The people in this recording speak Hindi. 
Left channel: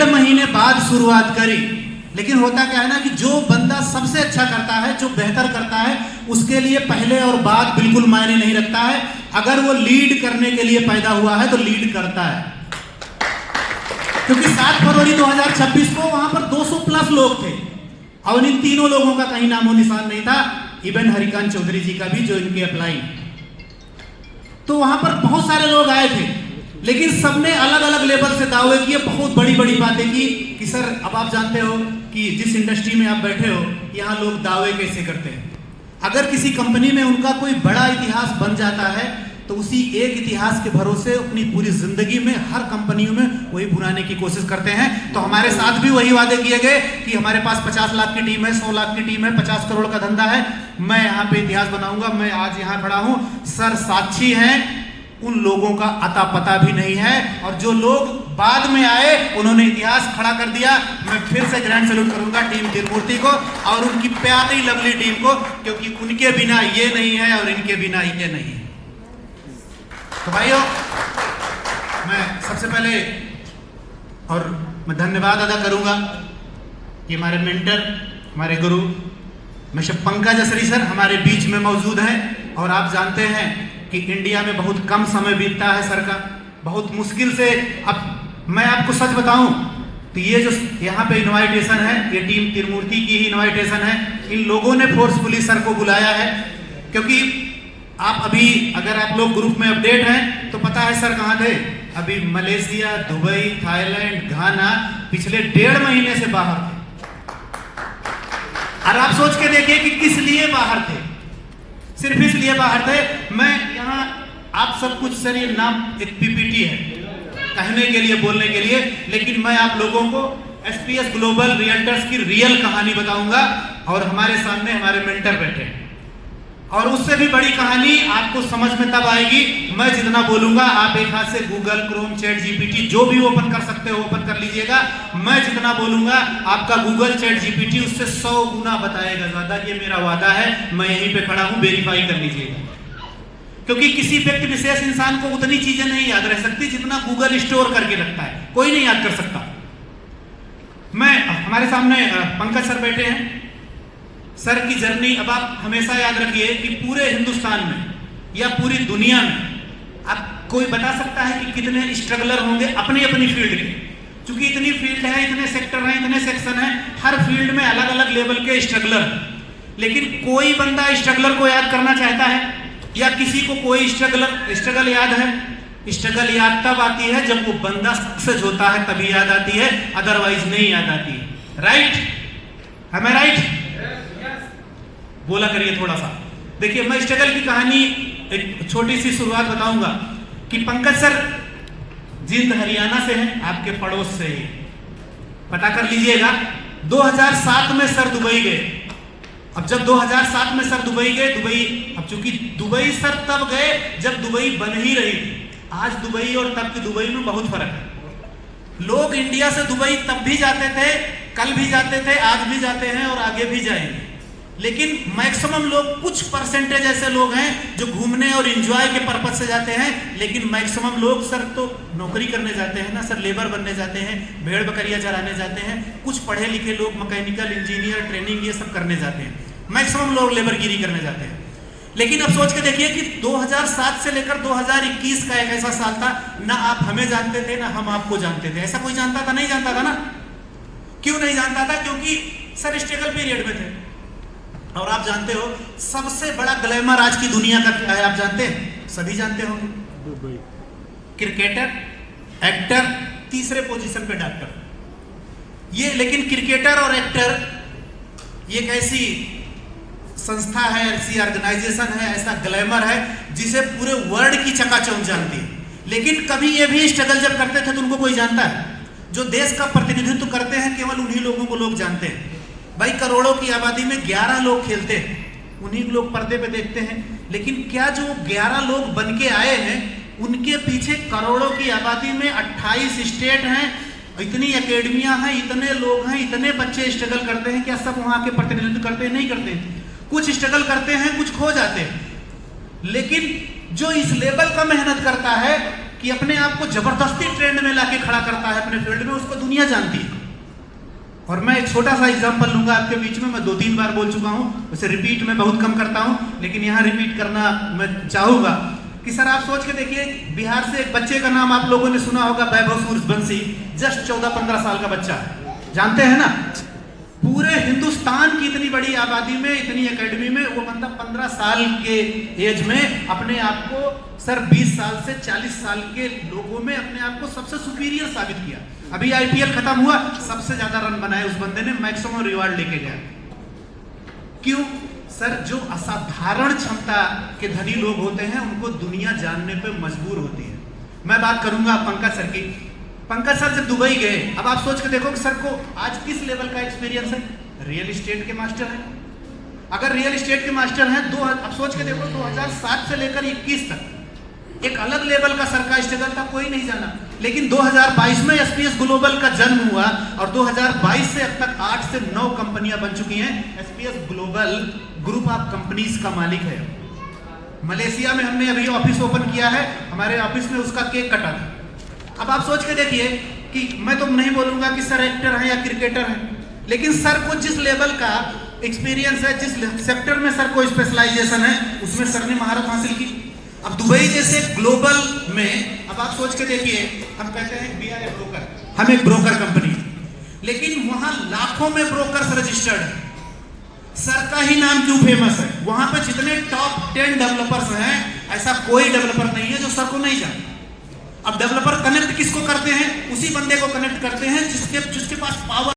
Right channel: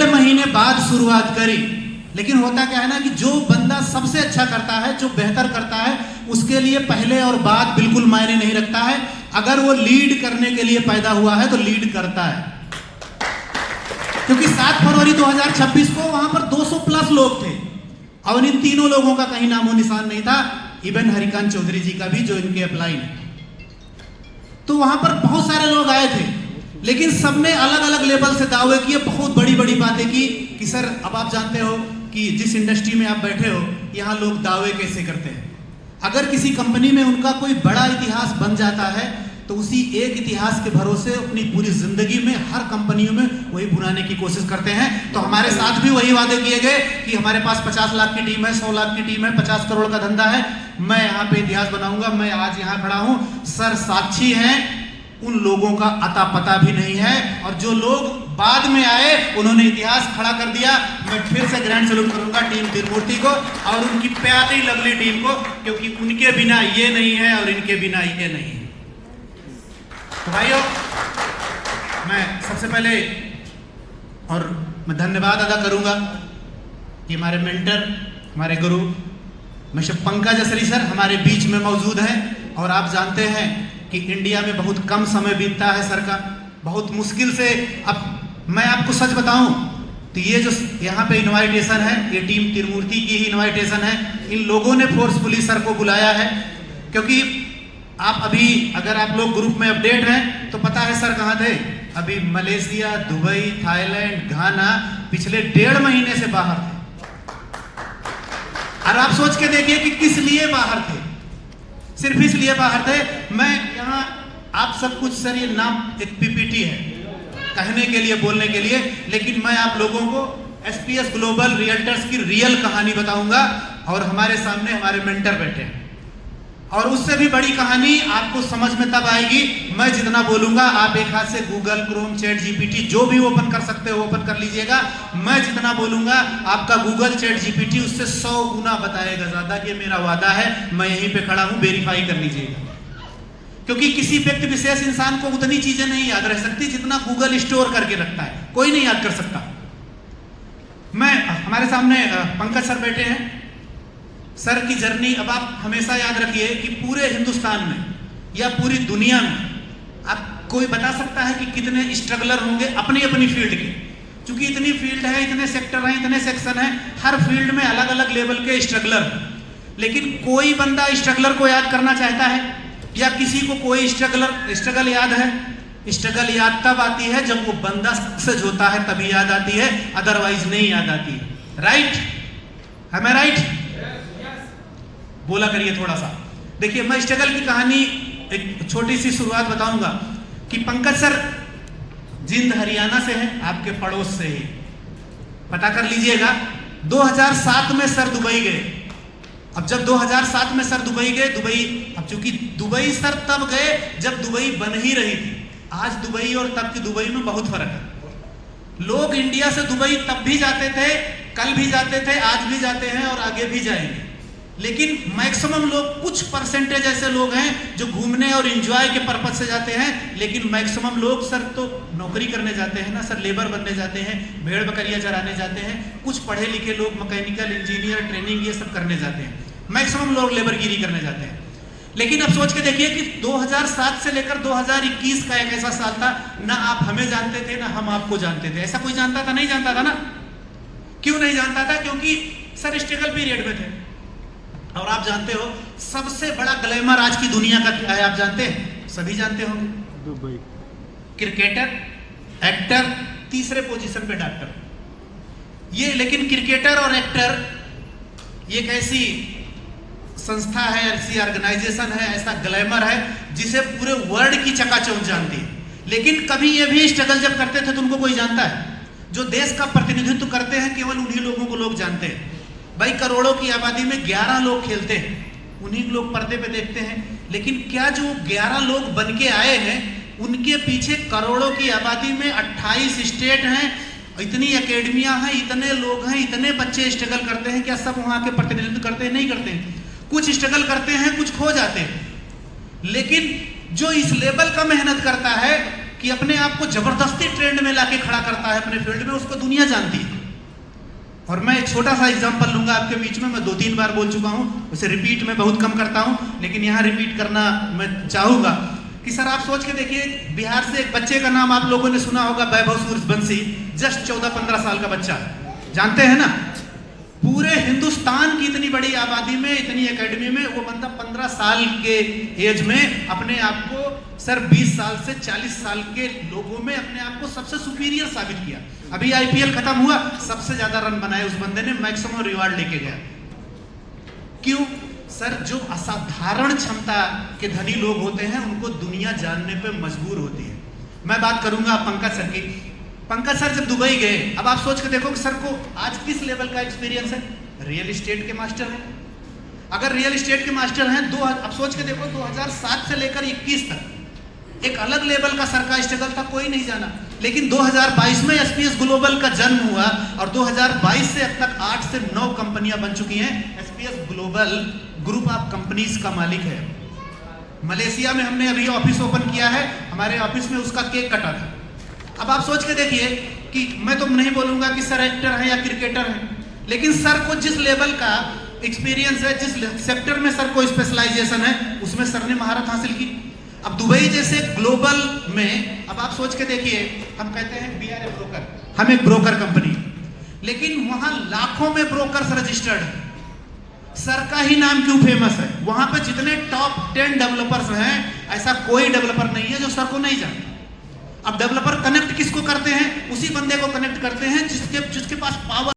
1.5 महीने बाद शुरुआत करी। लेकिन होता क्या है ना कि जो बंदा सबसे अच्छा करता है, जो बेहतर करता है, उसके लिए पहले और बाद बिल्कुल मायने नहीं रखता है। अगर वो लीड करने के लिए पैदा हुआ है तो लीड करता है। क्योंकि 7 फरवरी 2026 को वहां पर 200 प्लस लोग थे और इन तीनों लोगों का कहीं नामो निशान नहीं था, इवन हरिकांत चौधरी जी का भी, जो इनके अप्लाई। तो वहां पर बहुत सारे लोग आए थे, लेकिन सबने अलग अलग लेवल से दावे किए, बहुत बड़ी बड़ी बातें की कि सर अब आप जानते हो कि जिस इंडस्ट्री में आप बैठे हो यहाँ लोग दावे कैसे करते हैं। अगर किसी कंपनी में उनका कोई बड़ा इतिहास बन जाता है तो उसी एक इतिहास के भरोसे अपनी पूरी जिंदगी में हर कंपनियों में वही भुनाने की कोशिश करते हैं। तो हमारे साथ भी वही वादे किए गए कि हमारे पास 50 लाख की टीम है, 100 लाख की टीम है, 50 करोड़ का धंधा है, मैं यहाँ पे इतिहास बनाऊंगा। मैं आज यहाँ खड़ा हूँ, सर साक्षी हैं, उन लोगों का अता पता भी नहीं है। और जो लोग बाद में आए उन्होंने इतिहास खड़ा कर दिया। मैं फिर से ग्रैंड सैल्यूट करूंगा टीम तिरुमूर्ति को और उनकी प्यारी लवली टीम को, क्योंकि उनके बिना ये नहीं है और इनके बिना ये नहीं है। तो भाइयों, मैं सबसे पहले और मैं धन्यवाद अदा करूंगा कि हमारे मेंटर, हमारे गुरु मिस्टर पंकज असरी सर हमारे बीच में मौजूद हैं। और आप जानते हैं कि इंडिया में बहुत कम समय बीतता है सर का, बहुत मुश्किल से। अब मैं आपको सच बताऊं तो ये जो यहाँ पे इनवाइटेशन है, ये टीम तिरुमूर्ति की ही इनवाइटेशन है। इन लोगों ने फोर्सफुली सर को बुलाया है, क्योंकि आप अभी अगर आप लोग ग्रुप में अपडेट हैं तो पता है सर कहाँ थे। अभी मलेशिया, दुबई, थाईलैंड, घाना, पिछले 1.5 महीने से बाहर थे। और आप सोच के देखिए कि किस लिए बाहर थे। सिर्फ इसलिए बाहर थे। मैं यहाँ आप सब कुछ, सर ये नाम एक पीपीटी है कहने के लिए, बोलने के लिए, लेकिन मैं आप लोगों को एसपीएस ग्लोबल रियल्टर्स की रियल कहानी बताऊंगा। और हमारे सामने हमारे मेंटर बैठे हैं, और उससे भी बड़ी कहानी आपको समझ में तब आएगी मैं जितना बोलूंगा। आप एक हाथ से गूगल, क्रोम, चैट जीपीटी जो भी ओपन कर सकते हो ओपन कर लीजिएगा। मैं जितना बोलूंगा आपका गूगल, चैट जीपीटी उससे 100 गुना बताएगा ज्यादा। ये मेरा वादा है, मैं यहीं पे खड़ा हूं, वेरीफाई कर लीजिएगा। क्योंकि किसी व्यक्ति विशेष इंसान को उतनी चीजें नहीं याद रह सकती जितना गूगल स्टोर करके रखता है, कोई नहीं याद कर सकता। मैं हमारे सामने पंकज सर बैठे हैं। सर की जर्नी अब आप हमेशा याद रखिए कि पूरे हिंदुस्तान में या पूरी दुनिया में आप कोई बता सकता है कि कितने स्ट्रगलर होंगे अपनी अपनी फील्ड के। क्योंकि इतनी फील्ड है, इतने सेक्टर हैं, इतने सेक्शन हैं, हर फील्ड में अलग अलग लेवल के स्ट्रगलर। लेकिन कोई बंदा स्ट्रगलर को याद करना चाहता है या किसी को कोई स्ट्रगल याद है? स्ट्रगल याद तब आती है जब वो बंदा सक्सेस होता है, तभी याद आती है, अदरवाइज नहीं याद आती है। राइट? है मैं राइट? बोला करिए थोड़ा सा। देखिए, मैं स्ट्रगल की कहानी एक छोटी सी शुरुआत बताऊंगा कि पंकज सर जींद हरियाणा से हैं, आपके पड़ोस से ही, पता कर लीजिएगा। 2007 में सर दुबई गए। अब जब 2007 में सर दुबई गए, अब चूंकि दुबई सर तब गए जब दुबई बन ही रही थी। आज दुबई और तब की दुबई में बहुत फर्क है। लोग इंडिया से दुबई तब भी जाते थे, कल भी जाते थे, आज भी जाते हैं और आगे भी जाएंगे। लेकिन मैक्सिमम लोग, कुछ परसेंटेज ऐसे लोग हैं जो घूमने और एंजॉय के पर्पज से जाते हैं। लेकिन मैक्सिमम लोग सर तो नौकरी करने जाते हैं ना सर, लेबर बनने जाते हैं, भेड़ बकरियां चराने जाते हैं। कुछ पढ़े लिखे लोग मैकेनिकल इंजीनियर ट्रेनिंग ये सब करने जाते हैं। मैक्सिमम लोग लेबरगिरी करने जाते हैं। लेकिन अब सोच के देखिए कि 2007 से लेकर 2021 का एक ऐसा साल था, ना आप हमें जानते थे ना हम आपको जानते थे। ऐसा कोई जानता था? नहीं जानता था ना। क्यों नहीं जानता था? क्योंकि सर स्ट्रगल पीरियड में थे। और आप जानते हो सबसे बड़ा ग्लैमर आज की दुनिया का क्या है? आप जानते हैं? सभी जानते होंगे। दुबई। क्रिकेटर, एक्टर, तीसरे पोजीशन पे डॉक्टर। ये लेकिन क्रिकेटर और एक्टर ये एक ऐसी संस्था है, ऐसी ऑर्गेनाइजेशन है, ऐसा ग्लैमर है जिसे पूरे वर्ल्ड की चकाचौंध जानती है। लेकिन कभी ये भी स्ट्रगल जब करते थे तो उनको कोई जानता है? जो देश का प्रतिनिधित्व करते हैं केवल उन्हीं लोगों को लोग जानते हैं। भाई, करोड़ों की आबादी में 11 लोग खेलते हैं, उन्हीं लोग पर्दे पे देखते हैं। लेकिन क्या जो 11 लोग बन के आए हैं उनके पीछे करोड़ों की आबादी में 28 स्टेट हैं, इतनी एकेडमियां हैं, इतने लोग हैं, इतने बच्चे स्ट्रगल करते हैं। क्या सब वहां के प्रतिनिधित्व करते हैं? नहीं करते हैं। कुछ स्ट्रगल करते हैं, कुछ खो जाते हैं। लेकिन जो इस लेवल का मेहनत करता है कि अपने आप को जबरदस्ती ट्रेंड में लाके खड़ा करता है अपने फील्ड में, उसको दुनिया जानती है। और मैं एक छोटा सा एग्जांपल लूंगा आपके बीच में, मैं 2-3 बार बोल चुका हूं, उसे रिपीट मैं बहुत कम करता हूं, लेकिन यहां रिपीट करना मैं चाहूंगा कि सर आप सोच के देखिए, बिहार से एक बच्चे का नाम आप लोगों ने सुना होगा, वैभव सूर्यवंशी, जस्ट 14-15 साल का बच्चा, जानते हैं ना। पूरे हिंदुस्तान की इतनी बड़ी आबादी में, इतनी एकेडमी में, वो बंदा 15 साल के एज में अपने आप को सर 20 साल से 40 साल के लोगों में अपने आप को सबसे सुपीरियर साबित किया। अभी आईपीएल खत्म हुआ, सबसे ज्यादा रन बनाए उस बंदे ने, मैक्सिमम रिवार्ड लेके गया। क्यों सर? जो असाधारण क्षमता के धनी लोग होते हैं उनको दुनिया जानने पे मजबूर होती है। मैं बात करूंगा पंकज सर की। पंकज सर जब दुबई गए, अब आप सोच के देखो कि सर को आज किस लेवल का एक्सपीरियंस है। रियल एस्टेट के मास्टर हैं। अगर रियल एस्टेट के मास्टर हैं, अब सोच के देखो 2007 से लेकर 21 तक एक अलग लेवल का सर का स्ट्रगल था, कोई नहीं जाना। लेकिन 2022 में एसपीएस ग्लोबल का जन्म हुआ और 2022 से अब तक 8 से 9 कंपनियां बन चुकी हैं। SPS global group of companies का मालिक है। मलेशिया में हमने अभी ऑफिस ओपन किया है, हमारे ऑफिस में उसका केक कटा था। अब आप सोच के देखिए कि मैं तो नहीं बोलूंगा कि सर एक्टर हैं या क्रिकेटर हैं, लेकिन सर को जिस लेवल का एक्सपीरियंस है, जिस सेक्टर में सर को स्पेशलाइजेशन है, उसमें सर ने महारत हासिल की। अब दुबई जैसे ग्लोबल में, अब आप सोच के देखिए, हम कहते हैं वी आर ए ब्रोकर, हम एक ब्रोकर कंपनी, लेकिन वहां लाखों में ब्रोकर्स रजिस्टर्ड है। सर का ही नाम क्यों फेमस है? वहां पे जितने टॉप 10 डेवलपर्स हैं, ऐसा कोई डेवलपर नहीं है जो सर को नहीं जानता। अब डेवलपर कनेक्ट किसको करते हैं? उसी बंदे को कनेक्ट करते हैं जिसके पास पावर